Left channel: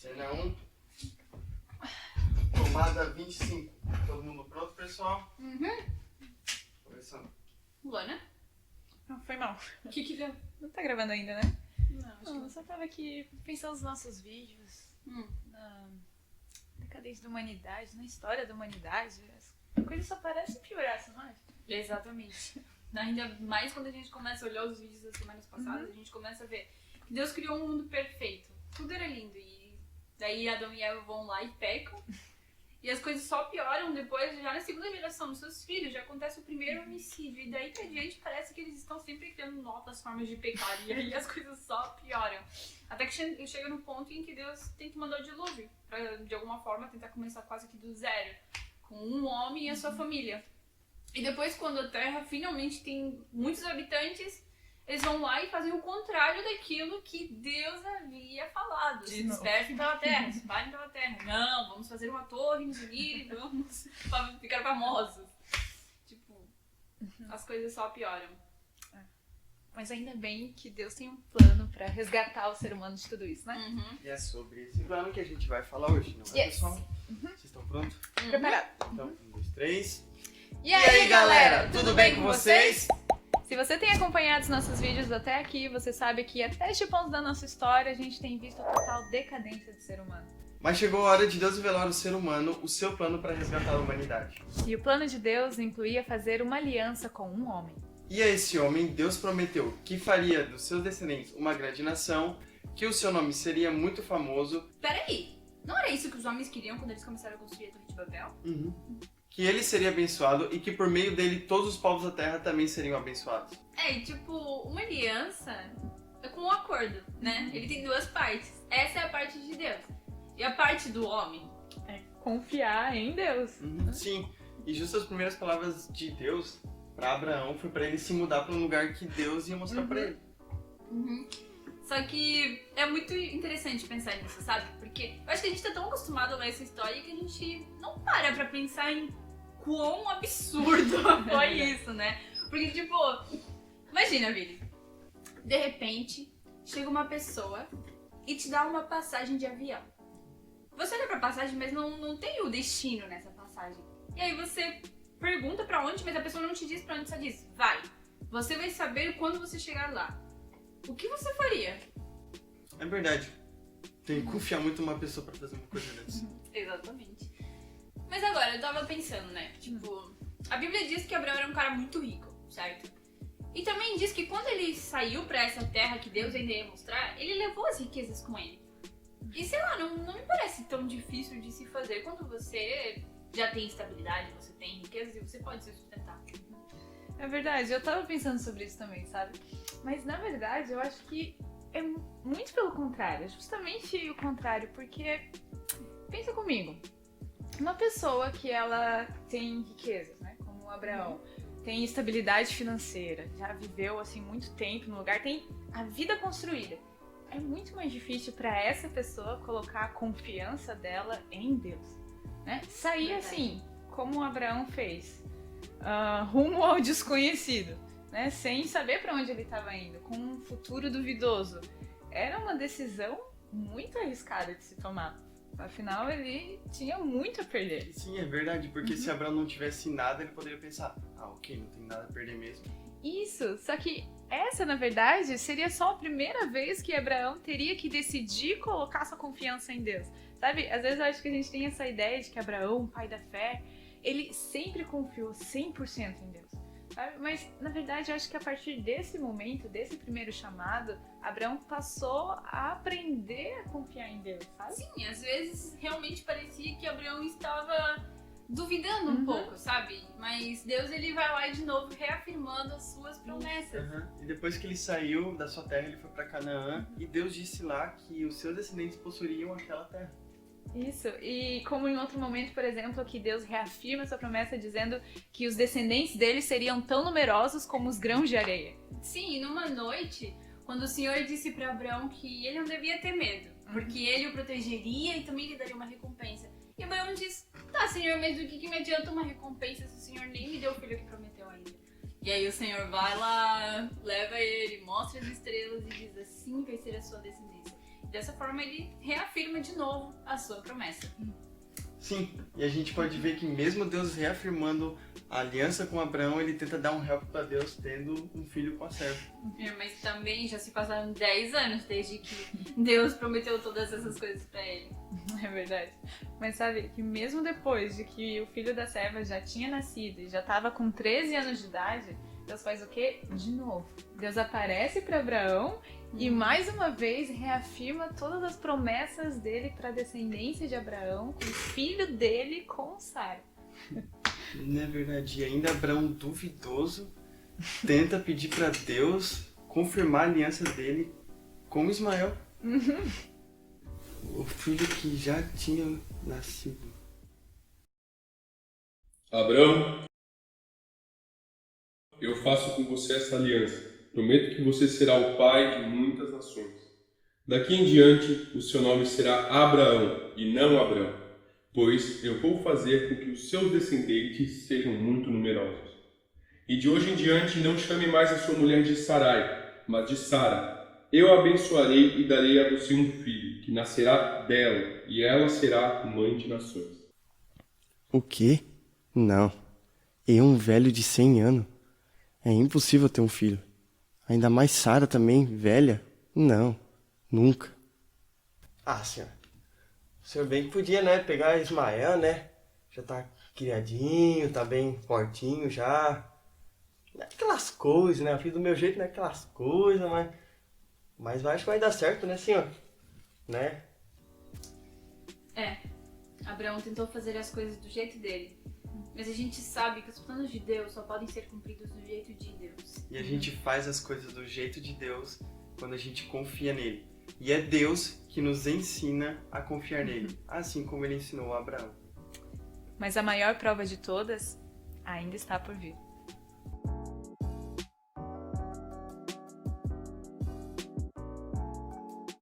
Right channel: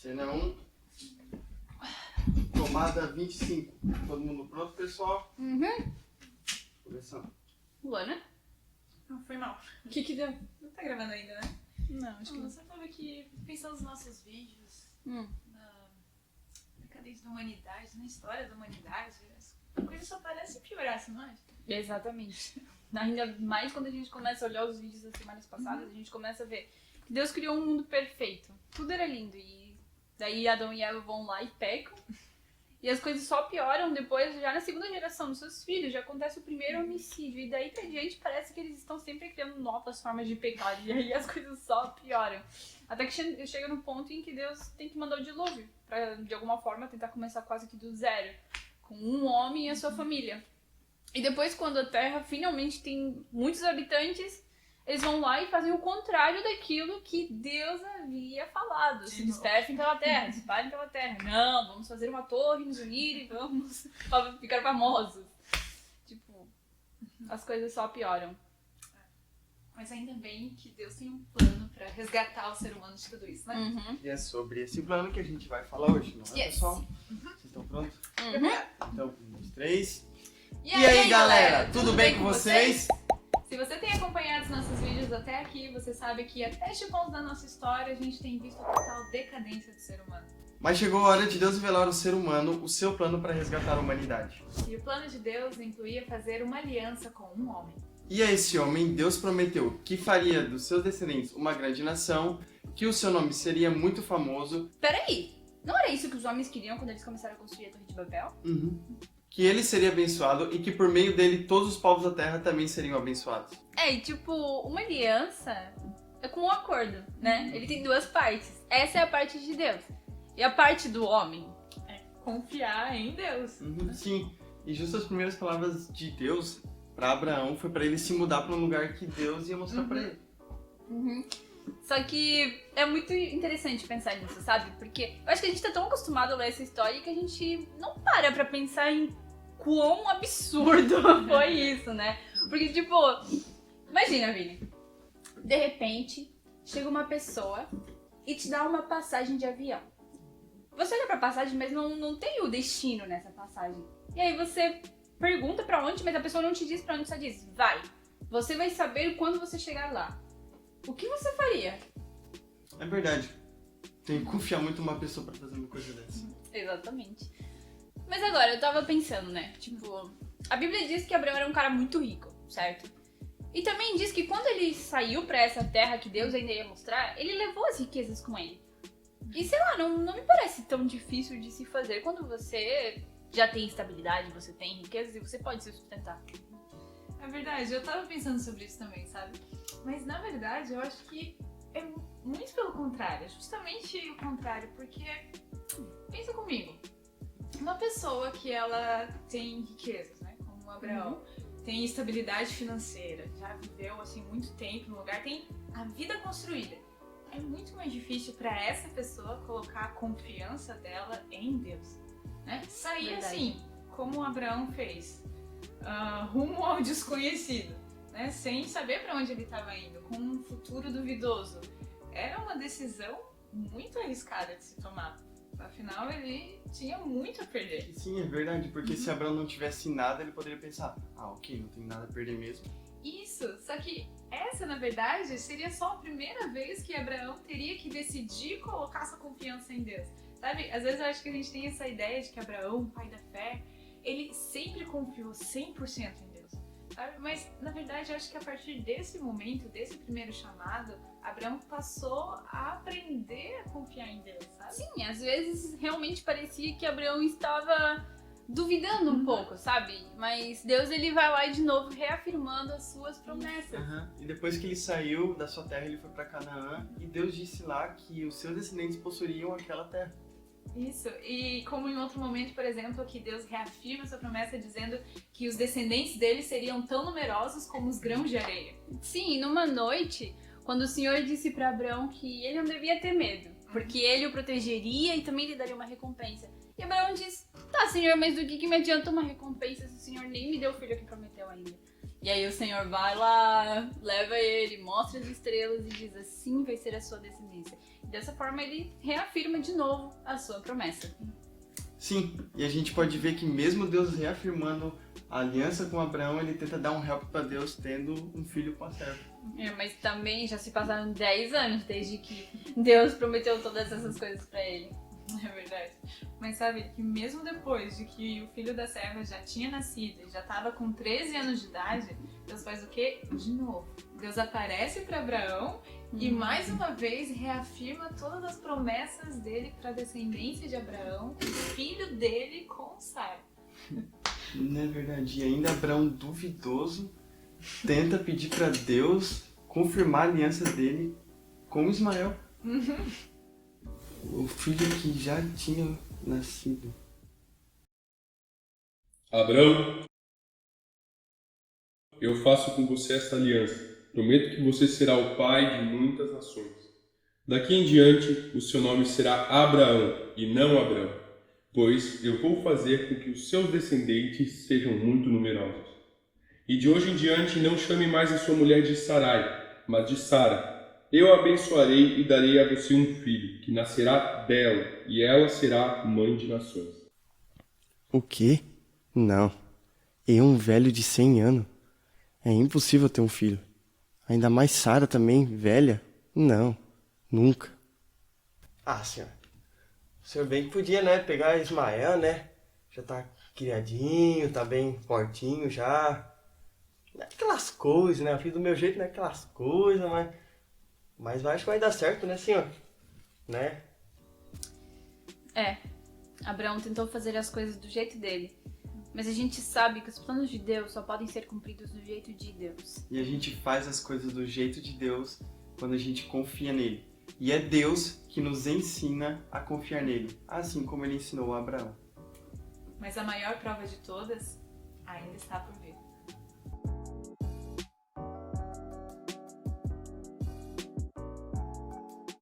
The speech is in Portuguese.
Cena 1, tomada 25. Todo mundo pronto, pessoal? Começando. Luana? Não, foi mal. O que deu? Não tá gravando ainda, né? Não, acho que Eu não. só tava aqui pensando nos nossos vídeos, na decadência da humanidade, na história da humanidade. A coisa só parece piorar, você não acha? Exatamente. Ainda mais quando a gente começa a olhar os vídeos das semanas passadas, a gente começa a ver que Deus criou um mundo perfeito. Tudo era lindo. E daí Adão e Eva vão lá e pecam. E as coisas só pioram depois, já na segunda geração dos seus filhos, já acontece o primeiro homicídio. E daí pra diante parece que eles estão sempre criando novas formas de pecar. E aí as coisas só pioram. Até que chega no ponto em que Deus tem que mandar o dilúvio. Pra, de alguma forma, tentar começar quase que do zero. Com um homem e a sua família. E depois, quando a Terra finalmente tem muitos habitantes, eles vão lá e fazem o contrário daquilo que Deus havia falado. Se dispersem pela Terra, se espalhem pela Terra. Não, vamos fazer uma torre, nos unir e vamos ficar famosos. Tipo, as coisas só pioram. Mas ainda bem que Deus tem um plano pra resgatar o ser humano de tudo isso, né? E é sobre esse plano que a gente vai falar hoje, não é, Yes. pessoal? Vocês estão prontos? Então, 1, 2, 3. E aí, galera? Tudo bem com vocês? Se você tem acompanhado os nossos vídeos até aqui, você sabe que até este ponto da nossa história a gente tem visto a total decadência do ser humano. Mas chegou a hora de Deus revelar ao ser humano o seu plano para resgatar a humanidade. E o plano de Deus incluía fazer uma aliança com um homem. E a esse homem, Deus prometeu que faria dos seus descendentes uma grande nação, que o seu nome seria muito famoso, Peraí, não era isso que os homens queriam quando eles começaram a construir a Torre de Babel? que ele seria abençoado e que por meio dele todos os povos da terra também seriam abençoados. É, e tipo, uma aliança é como um acordo, né? Ele tem duas partes. Essa é a parte de Deus. E a parte do homem? Confiar em Deus. Sim, e justo as primeiras palavras de Deus para Abraão foi para ele se mudar para um lugar que Deus ia mostrar para ele. Só que é muito interessante pensar nisso, sabe? Porque eu acho que a gente tá tão acostumado a ler essa história que a gente não para pra pensar em quão absurdo foi isso, né? Porque, tipo, imagina, Vini. De repente, chega uma pessoa e te dá uma passagem de avião. Você olha pra passagem, mas não tem o destino nessa passagem. E aí você pergunta pra onde, mas a pessoa não te diz pra onde, só diz, vai. Você vai saber quando você chegar lá. O que você faria? É verdade. Tem que confiar muito numa pessoa para fazer uma coisa dessa. Exatamente. Mas agora, eu tava pensando, né? Tipo, a Bíblia diz que Abraão era um cara muito rico, certo? E também diz que quando ele saiu pra essa terra que Deus ainda ia mostrar, ele levou as riquezas com ele. E sei lá, não me parece tão difícil de se fazer quando você já tem estabilidade, você tem riquezas e você pode se sustentar. É verdade, eu tava pensando sobre isso também, sabe? Mas na verdade eu acho que é muito pelo contrário, é justamente o contrário, porque pensa comigo, uma pessoa que ela tem riquezas, né, como o Abraão, tem estabilidade financeira, já viveu assim muito tempo no lugar, tem a vida construída. É muito mais difícil para essa pessoa colocar a confiança dela em Deus, né? Sair Verdade. assim, como o Abraão fez, rumo ao desconhecido, né? Sem saber para onde ele estava indo, com um futuro duvidoso. Era uma decisão muito arriscada de se tomar. Afinal, ele tinha muito a perder. Sim, é verdade, porque se Abraão não tivesse nada, ele poderia pensar, ok, não tem nada a perder mesmo. Isso, só que essa, na verdade, seria só a primeira vez que Abraão teria que decidir colocar sua confiança em Deus. Sabe, às vezes eu acho que a gente tem essa ideia de que Abraão, pai da fé, ele sempre confiou 100% em Deus, sabe? Mas, na verdade, eu acho que a partir desse momento, desse primeiro chamado, Abraão passou a aprender a confiar em Deus, sabe? Sim, às vezes realmente parecia que Abraão estava duvidando um pouco, sabe? Mas Deus, ele vai lá e de novo reafirmando as suas promessas. E depois que ele saiu da sua terra, ele foi para Canaã, e Deus disse lá que os seus descendentes possuiriam aquela terra. Isso, e como em outro momento, por exemplo, que Deus reafirma essa promessa dizendo que os descendentes dele seriam tão numerosos como os grãos de areia. Sim, e numa noite, quando o Senhor disse para Abraão que ele não devia ter medo, porque ele o protegeria e também lhe daria uma recompensa. E Abraão diz, tá, Senhor, mas do que me adianta uma recompensa se o Senhor nem me deu o filho que prometeu ainda? E aí o Senhor vai lá, leva ele, mostra as estrelas e diz, assim vai ser a sua descendência. Dessa forma ele reafirma de novo a sua promessa. Sim, e a gente pode ver que mesmo Deus reafirmando a aliança com Abraão, ele tenta dar um help para Deus tendo um filho com a serva. Mas também já se passaram 10 anos desde que Deus prometeu todas essas coisas pra ele. É verdade. Mas sabe que mesmo depois de que o filho da serva já tinha nascido e já estava com 13 anos de idade, Deus faz o quê? De novo. Deus aparece para Abraão e mais uma vez reafirma todas as promessas dele para a descendência de Abraão, o filho dele com Sara. Não é verdade. E ainda Abraão, duvidoso, tenta pedir para Deus confirmar a aliança dele com Ismael. O filho que já tinha nascido. Abraão, eu faço com você essa aliança. Prometo que você será o pai de muitas nações. Daqui em diante, o seu nome será Abraão e não Abrão, pois eu vou fazer com que os seus descendentes sejam muito numerosos. E de hoje em diante, não chame mais a sua mulher de Sarai, mas de Sara. Eu a abençoarei e darei a você um filho, que nascerá dela, e ela será mãe de nações. O quê? Não. Eu, um velho de 100 anos? É impossível ter um filho. Ainda mais Sara também, velha? Não, nunca. Ah, senhor. O senhor bem que podia, né, pegar Ismael, né? Já tá criadinho, tá bem fortinho já. Não é aquelas coisas, né? O filho do meu jeito não é aquelas coisas, mas acho que vai dar certo, né, senhor? Né? Abraão tentou fazer as coisas do jeito dele. Mas a gente sabe que os planos de Deus só podem ser cumpridos do jeito de Deus. E a gente faz as coisas do jeito de Deus quando a gente confia nele. E é Deus que nos ensina a confiar nele, assim como ele ensinou a Abraão. Mas a maior prova de todas ainda está por vir.